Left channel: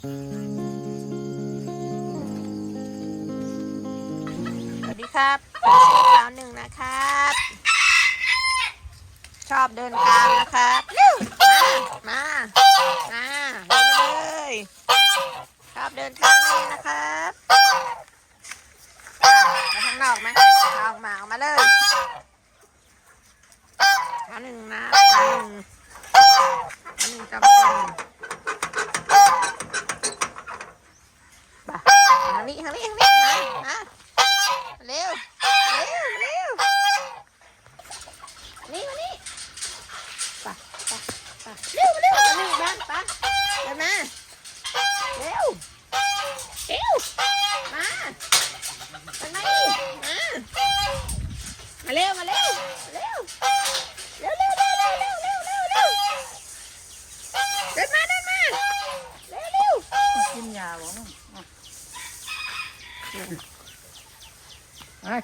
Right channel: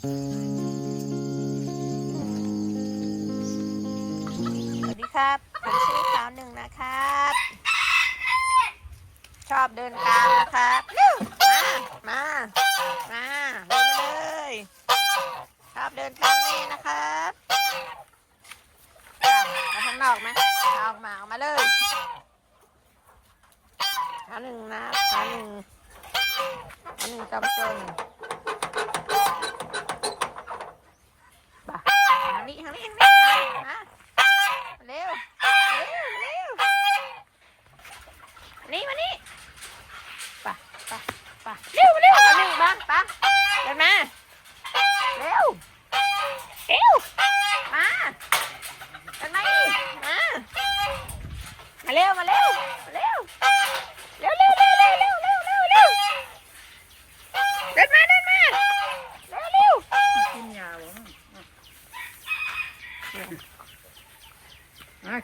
สวัสดีครับผมชื่อขาวหนึ่งนะครับ ชอบเดินกลางนะครับ มา มา มาเดินมาเลยชอบเดินกลางแม่นะครับมาข้างนอกไหมอออกมาออกมาเลยขาหนึ่งนะขาหนึ่งขาหนึ่งจำเป็นบ่า ทางนี้ทางนี้ทางนี้มามาเร็วเร็วเร็วนี่มานี่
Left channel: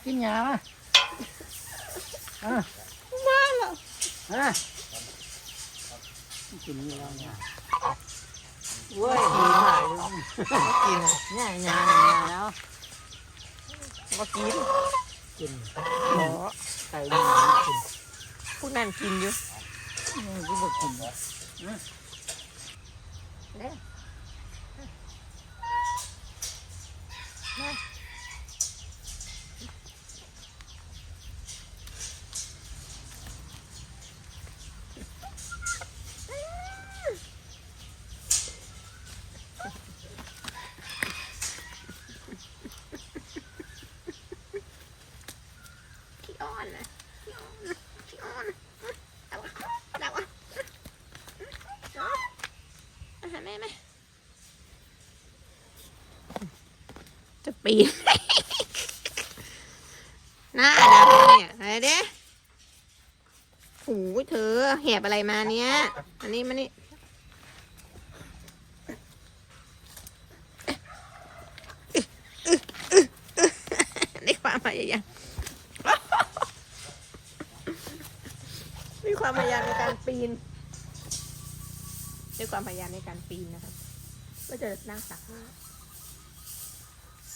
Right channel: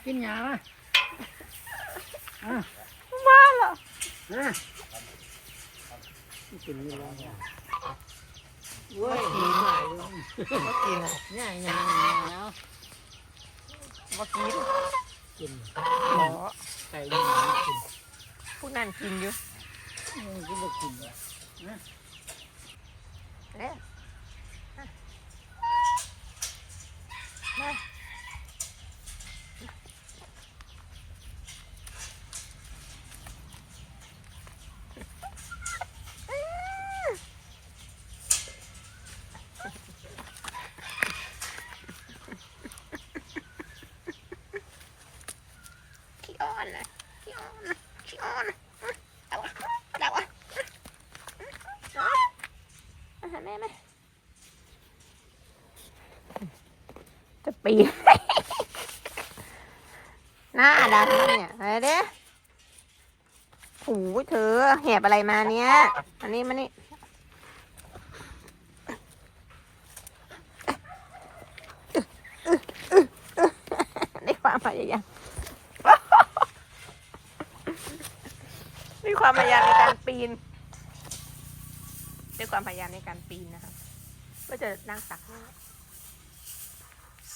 กินหญ้ามาอ่ะมาแล้วอ่ะกินอยู่แล้วเนี่ยเว้ยกินหายเลยบ่กินเนี่ยหญ้าหญ้าแล้วบ่กินกินหมอใส่หญ้ากินพวกนั้นกินอยู่อืมบ่กินเด้อ มาหาแม่ไหมจะปีน หน้าดำเนี่ยอะไรเด้หูยเธอแหบอะไรมาเนี้ยอันนี้มานี่ในความพยายาม ความพยายามในการปีน ด้วยความพยายามในการปีนนะครับ ก็จะนั่งตัก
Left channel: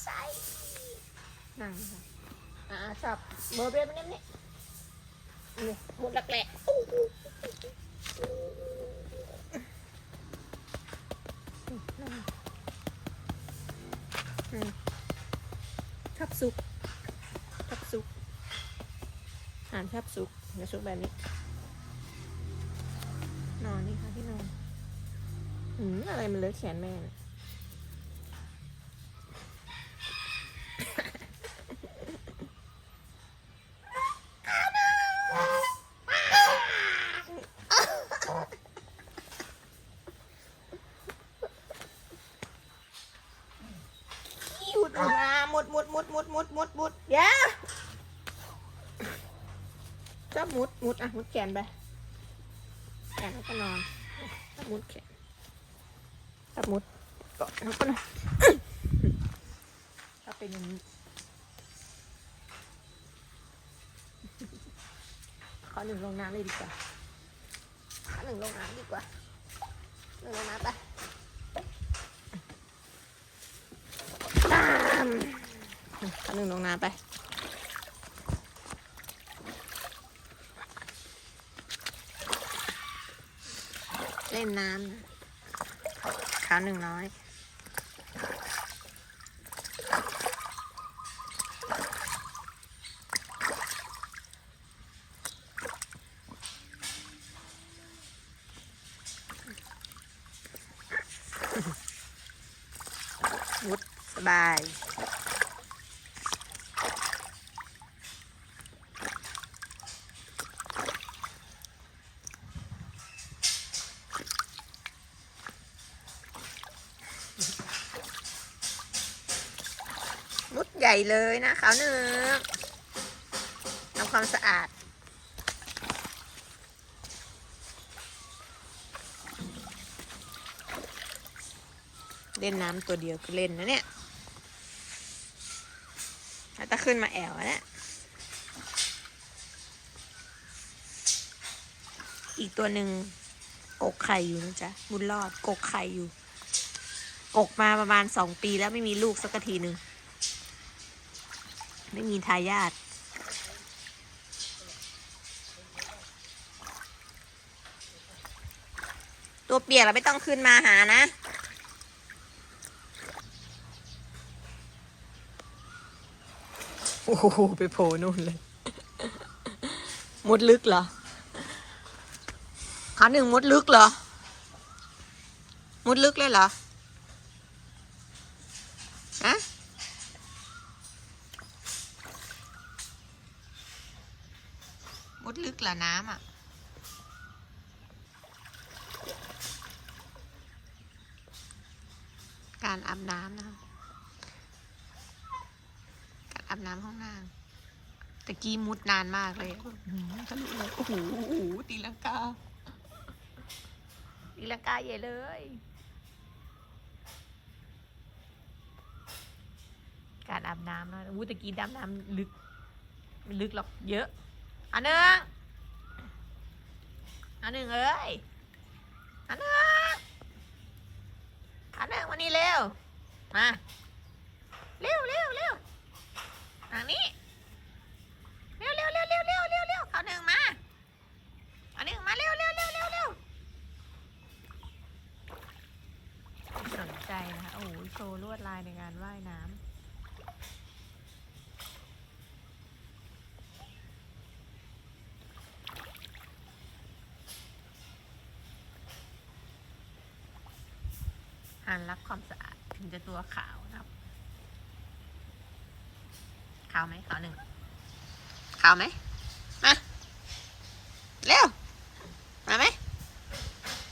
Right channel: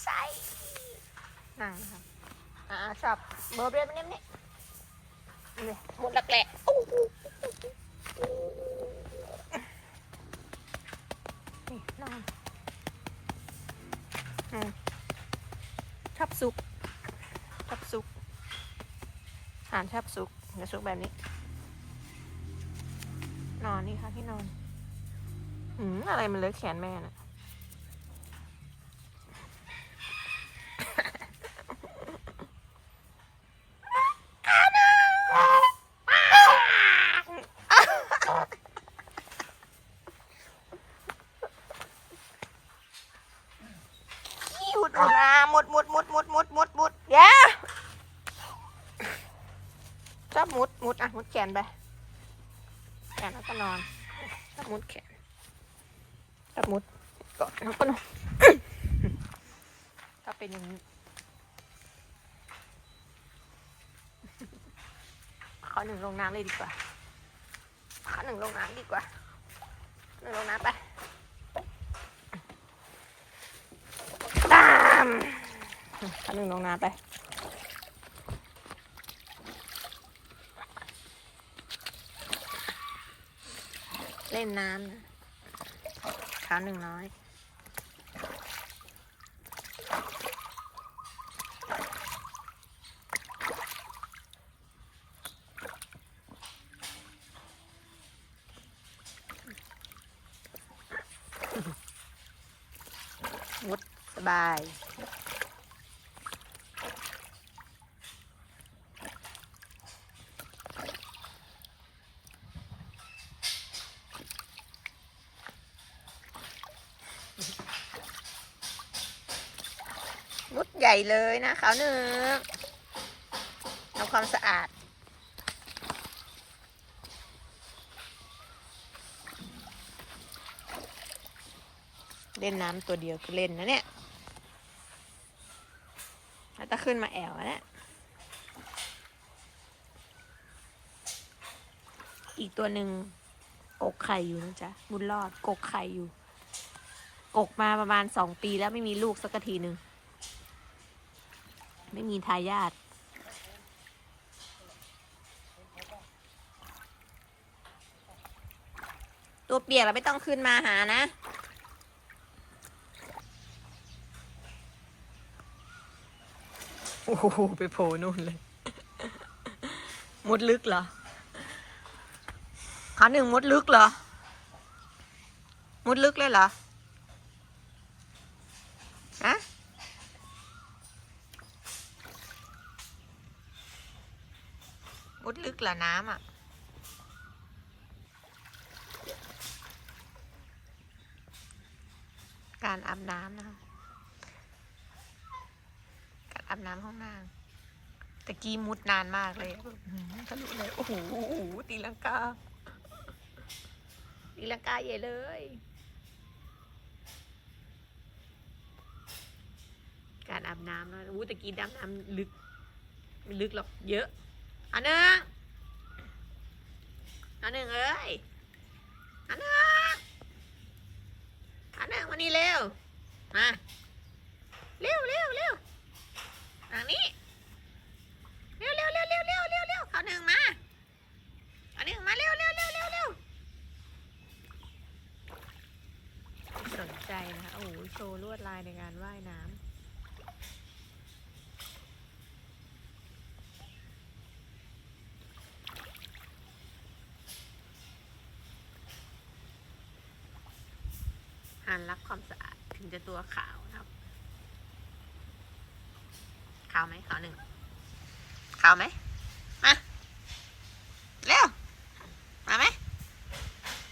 ใส่นั่งครับอ่าชอบเบอร์เบรมันนี่นี่นี่หมดหลักแหละนี่นั่งชอบซุกชอบซุกหารชอบซุกจะซุกแบบนี้ นอนนี่ค่ะที่นอน อืมอะไรมันเลือะแขนแม่น่ยหยุดนะหมดหมดหมดหมดหมดหมดหมดเดี๋ยวชอบมุดมุดอะมุดแขนไป แขนแล้วก็นอนชอบมุดแขนชอบมุดเกาะแล้วก็นอนชอบเป็นอย่างนี้ขอหนึ่งลงน้ำเลยดีกว่าขอหนึ่งลงน้ำดีกว่าหนึ่งลงน้ำไปตามขอหนึ่งลงน้ำไป ล่นน้ำนะขาวหนึ่งน้อยมุดสบาย ญ่เลยนะขาวหนึ่งทำความสะอาด เล่นน้ำตัวเดียวก็เล่นนะเนี่ยแล้วถ้าขึ้นมาแอวอะเนี่ยอีกตัวหนึ่งกกไข่อยู่นะจ๊ะ บุญรอดกกไข่อยู่ กกมาประมาณสองปีแล้วไม่มีลูกสักทีหนึ่ง ไม่มีทายาทตัวเปียกเราไม่ต้องขึ้นมาหานะ โอ้โห ไปโผล่นู่นเลย มดลึกเหรอขาหนึ่งมดลึกเหรอ มดลึกเลยเหรออะมดลึก เหรอน้ำอะ การอาบน้ำนะคะ การอาบน้ำห้องนางตะกี้มุดนานมากเลยอะอื้อหือทะลุเลยโอ้โหโอ้โหตีลังกา ตีลังกาใหญ่เลย การอาบน้ำนะอู้ตะกี้ดำน้ำลึก ไม่ลึกหรอกเยอะ อันหนึ่ง อันหนึ่งเอ้ยอันหนึ่งอันหนึ่งมานี่เร็วมาเร็วเร็วเร็วทางนี้เร็วเร็วเร็วเร็วเร็วเร็วเร็วเขาหนึ่งมาเอาหนึ่งมาเร็วเร็วเร็วเร็วเร็วสนใจนะคะโอ้โหโชว์ลวดลายในงานว่ายน้ำ หันรับความสะอาดถึงจะตัวขาวนะครับ ขาวไหมขาวหนึ่งขาวไหมมาเร็วมาไหม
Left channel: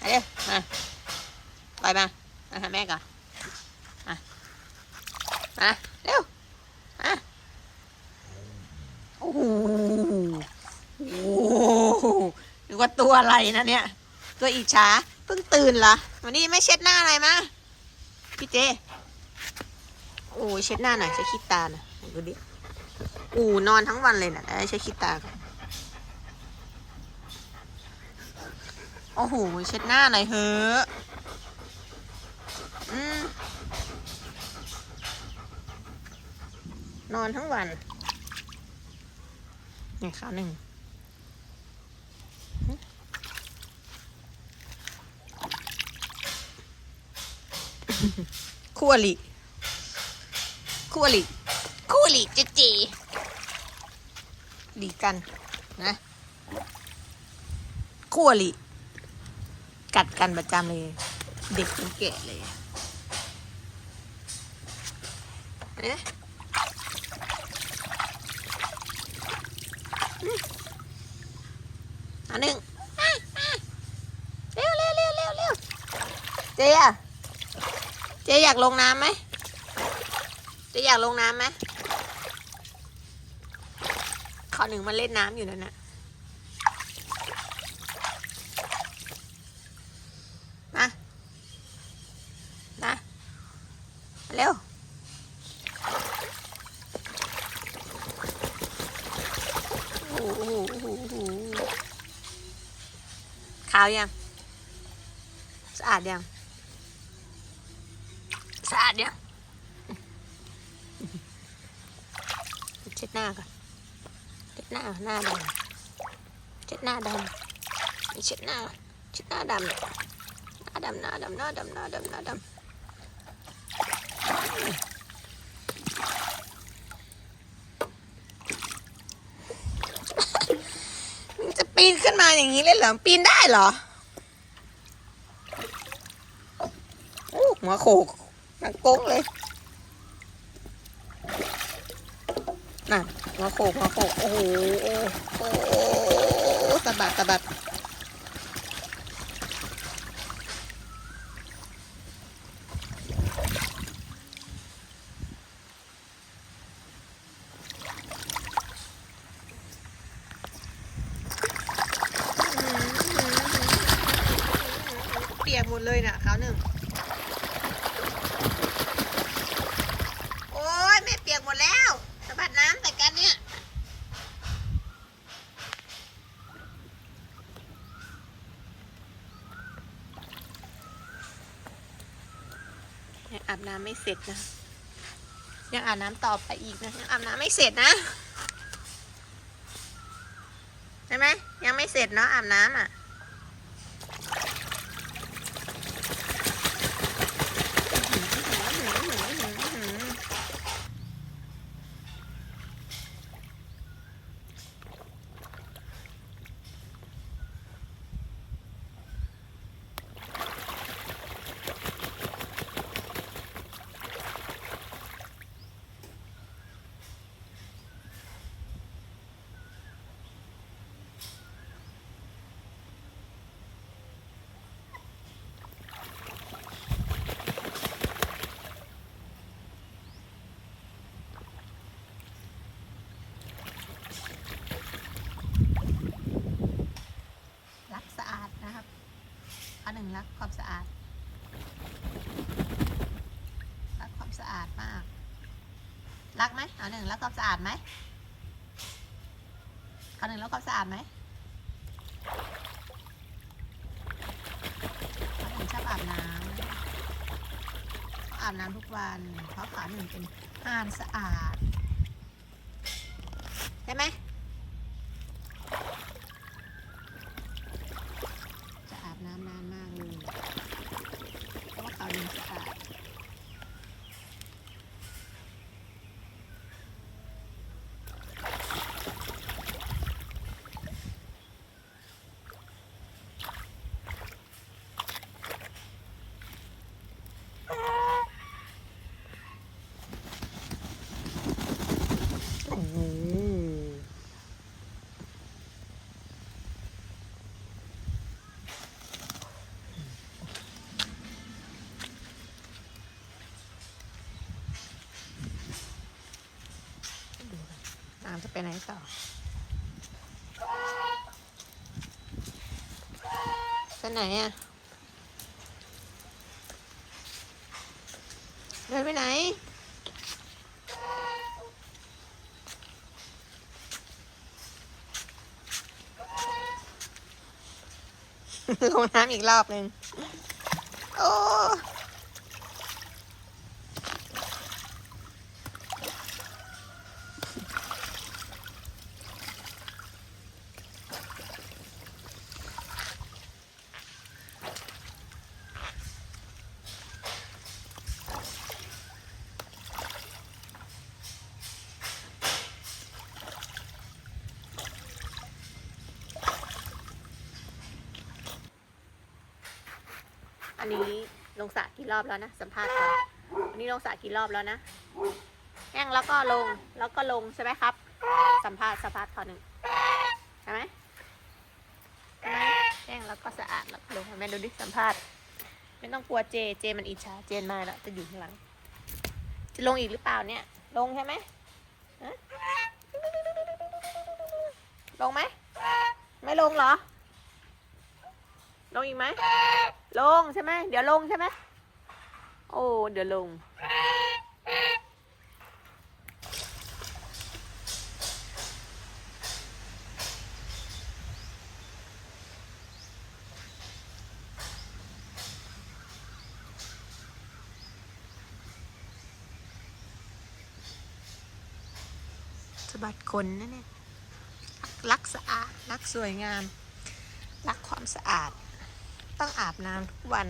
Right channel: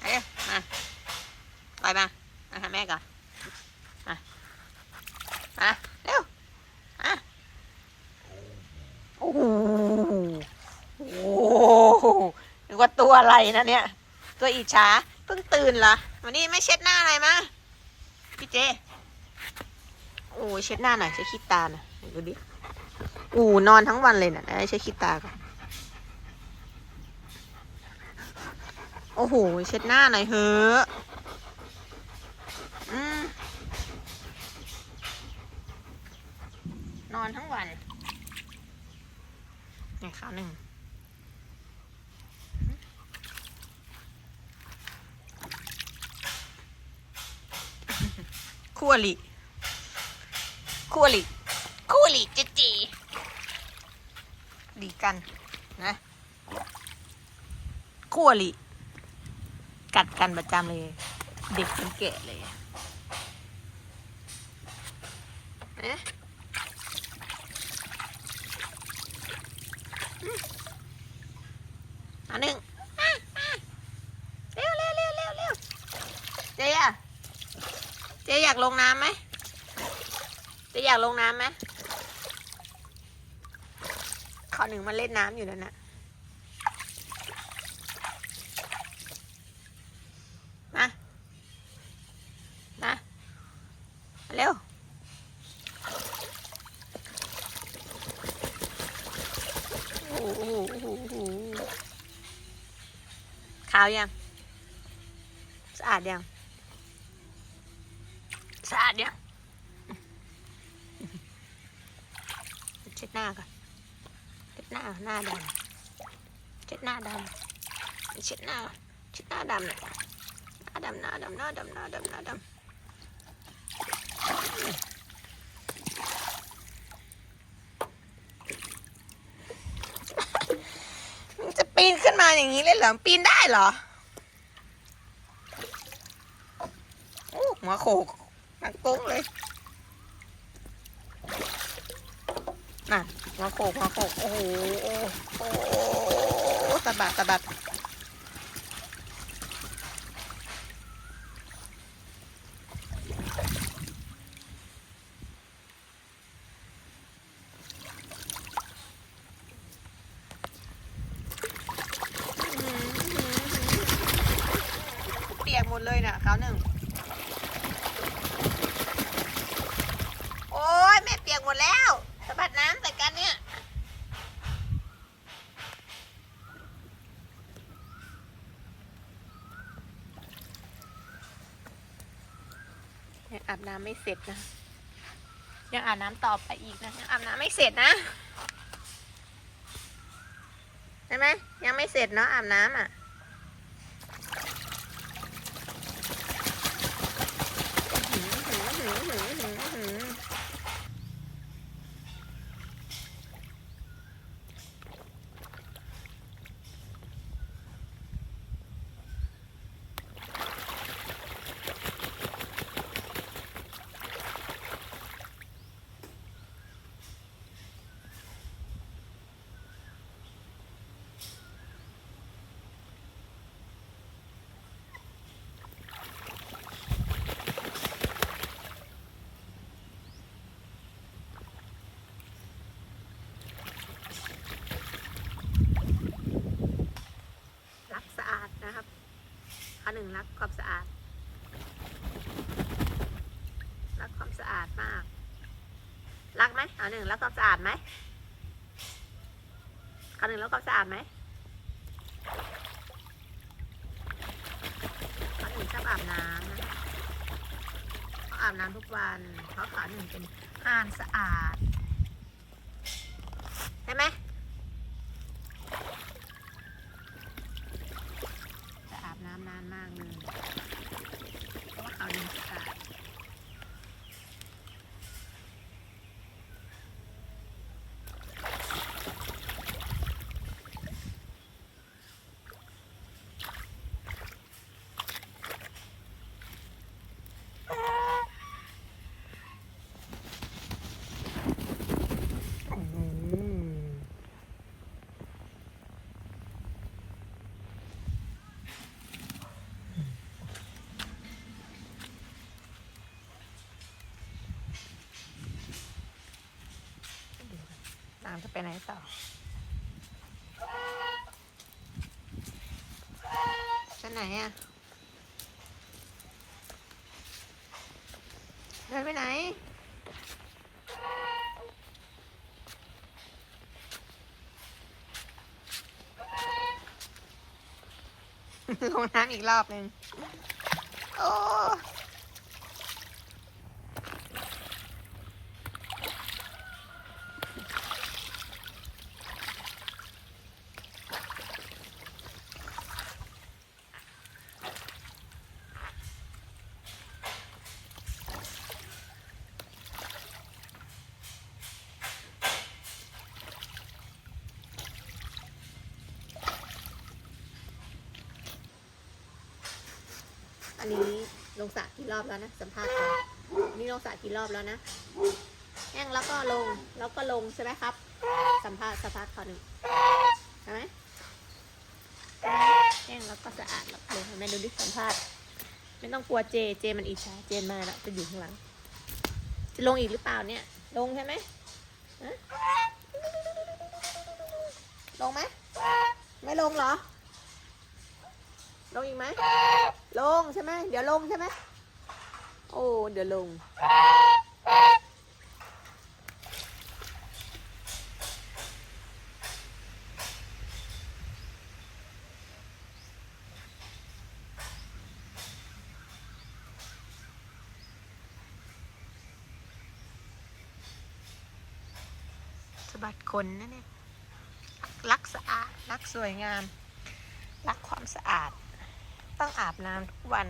มาเร็วมาปล่อยมามาหาแม่ก่อนมามาเร็วมาโอ้โหโอ้โหนึกว่าตัวอะไรนะเนี่ย ตัวอิจฉาเพิ่งตื่นเหรอวันนี้ไม่เช็ดหน้าอะไรมา พี่เจ โอ้ยเช็ดหน้าหน่อยเช็ดขี้ตาหน่อยดูดิอูนอนทั้งวันเลยนะ่ะได้ใช้คิดตาก่อนโอ้โห เช็ดหน้าหน่อยเฮ้ออืมนอนทั้งวันหนึ่งข้าวหนึ่ง คู่อลิคู่อลิคู่อลิจเจดีกันนะคู่อริกัดกันประจำเลย เด็กจนแก่เลยเอ๊ะอันหนึ่งเร็วเร็วเร็วเร็วเร็วเจ๊ะ เจ๊อยากลงน้ำไหมเจ๊อยากลงน้ำไหมขอหนึ่งมาเล่นน้ำอยู่นั่นนะมามาเร็วโอ้โหขาวยัง สะอาดยัง สะอาดยังเช็ดหน้าก่อนเช็ดหน้าหน้าดำเช็ดหน้าดำเช็ดหน้าเช็ดหน้าดำเนี่ยหน้าดำหน้าดำหน้าดำหน้าดำหน้าดำมันจะปีนขึ้นมาอย่างนี้เลยเหรอ ปีนได้เหรอ โอ้หัวโขก หัวโก้งเลยน่ะหัวโขกหัวโขกโอ้โหโอ้โหสะบัดสะบัดเปียกหมดเลยน่ะขาวหนึ่ง โอ้ยแม่เปียกหมดแล้วสะบัดน้ำใส่กันเนี่ย เห็ น้ำไม่เสร็จนะ ยังอาบน้ำต่อไปอีกนะยังอาบน้ำไม่เสร็จนะใช่ไหมยังไม่เสร็จเนาะอาบน้ำอะ รักสะอาดนะครับข้อ หนึ่งรักความสะอาด รักความสะอาดมาก รักไหมเอาหนึ่งรักความสะอาดไหมข้อหนึ่งรักความสะอาดไหมข้อหนึ่งชอบอาบน้ำเขาอาบน้ำทุกวันเพราะขาหนึ่งเป็นห่านสะอาดใช่ไหม จะอาบน้ำนาน มากเลย เพราะว่าเขาดินสะอาดอืม ดูกัน น้ำจะไปไหนต่อ ไปไหนอะเดินไปไหน ลงน้ำอีกรอบหนึ่งโอ้นนี้ ลงสระกี่รอบแล้วนะสัมภาษณ์ก่อนนี่ลงสระกี่รอบแล้วนะแห้งแล้วก็ลงแล้วก็ลงใช่ไหมครับ สัมภาษณ์สัมภาษณ์ขอหนึ่งใช่ไหมใช่ไหมแห้งแล้วก็สะอาดแล้วลงเห็นไหมดูดิสัมภาษณ์ ไม่ต้องกลัวเจเจมันอิจฉาเจนมาแล้วจะอยู่ข้างหลัง จะลงอีกหรือเปล่าเนี่ย ลงใช่ไหมลงไหมไม่ลงเหรอ ลงอีกไหมลงใช่ไหมเดี๋ยวลงใช่ไหมโอ้เดี๋ยวลง สะบัดขนนะเนี่ยรักสะอาด รักสวยงาม รักความสะอาด ต้องอาบน้ำทุกวัน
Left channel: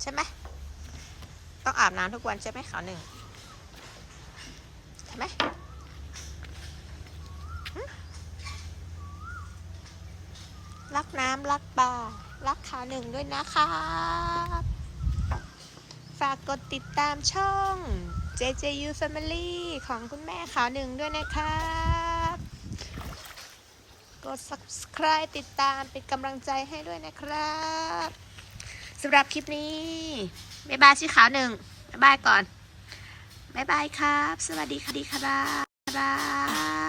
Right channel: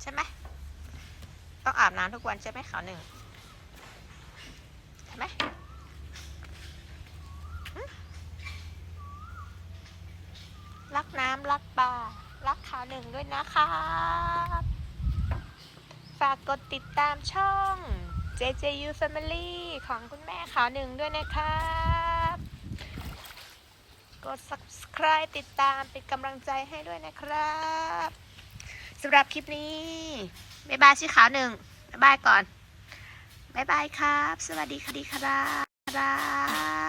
ใช่ไหมต้องอาบน้ำทุกวันใช่ไหมขาวหนึ่งใช่ไหมรักน้ำรักปลารักขาวหนึ่งด้วยนะครับฝากกดติดตามช่อง JJU Family ของคุณแม่ขาวหนึ่งด้วยนะครับ กด subscribe ติดตามเป็นกำลังใจให้ด้วยนะครับสำหรับคลิปนี้บ๊ายบายชื่อขาวหนึ่งบ๊ายบายก่อนบ๊ายบายครับ สวัสดีค่ะดีครับครับ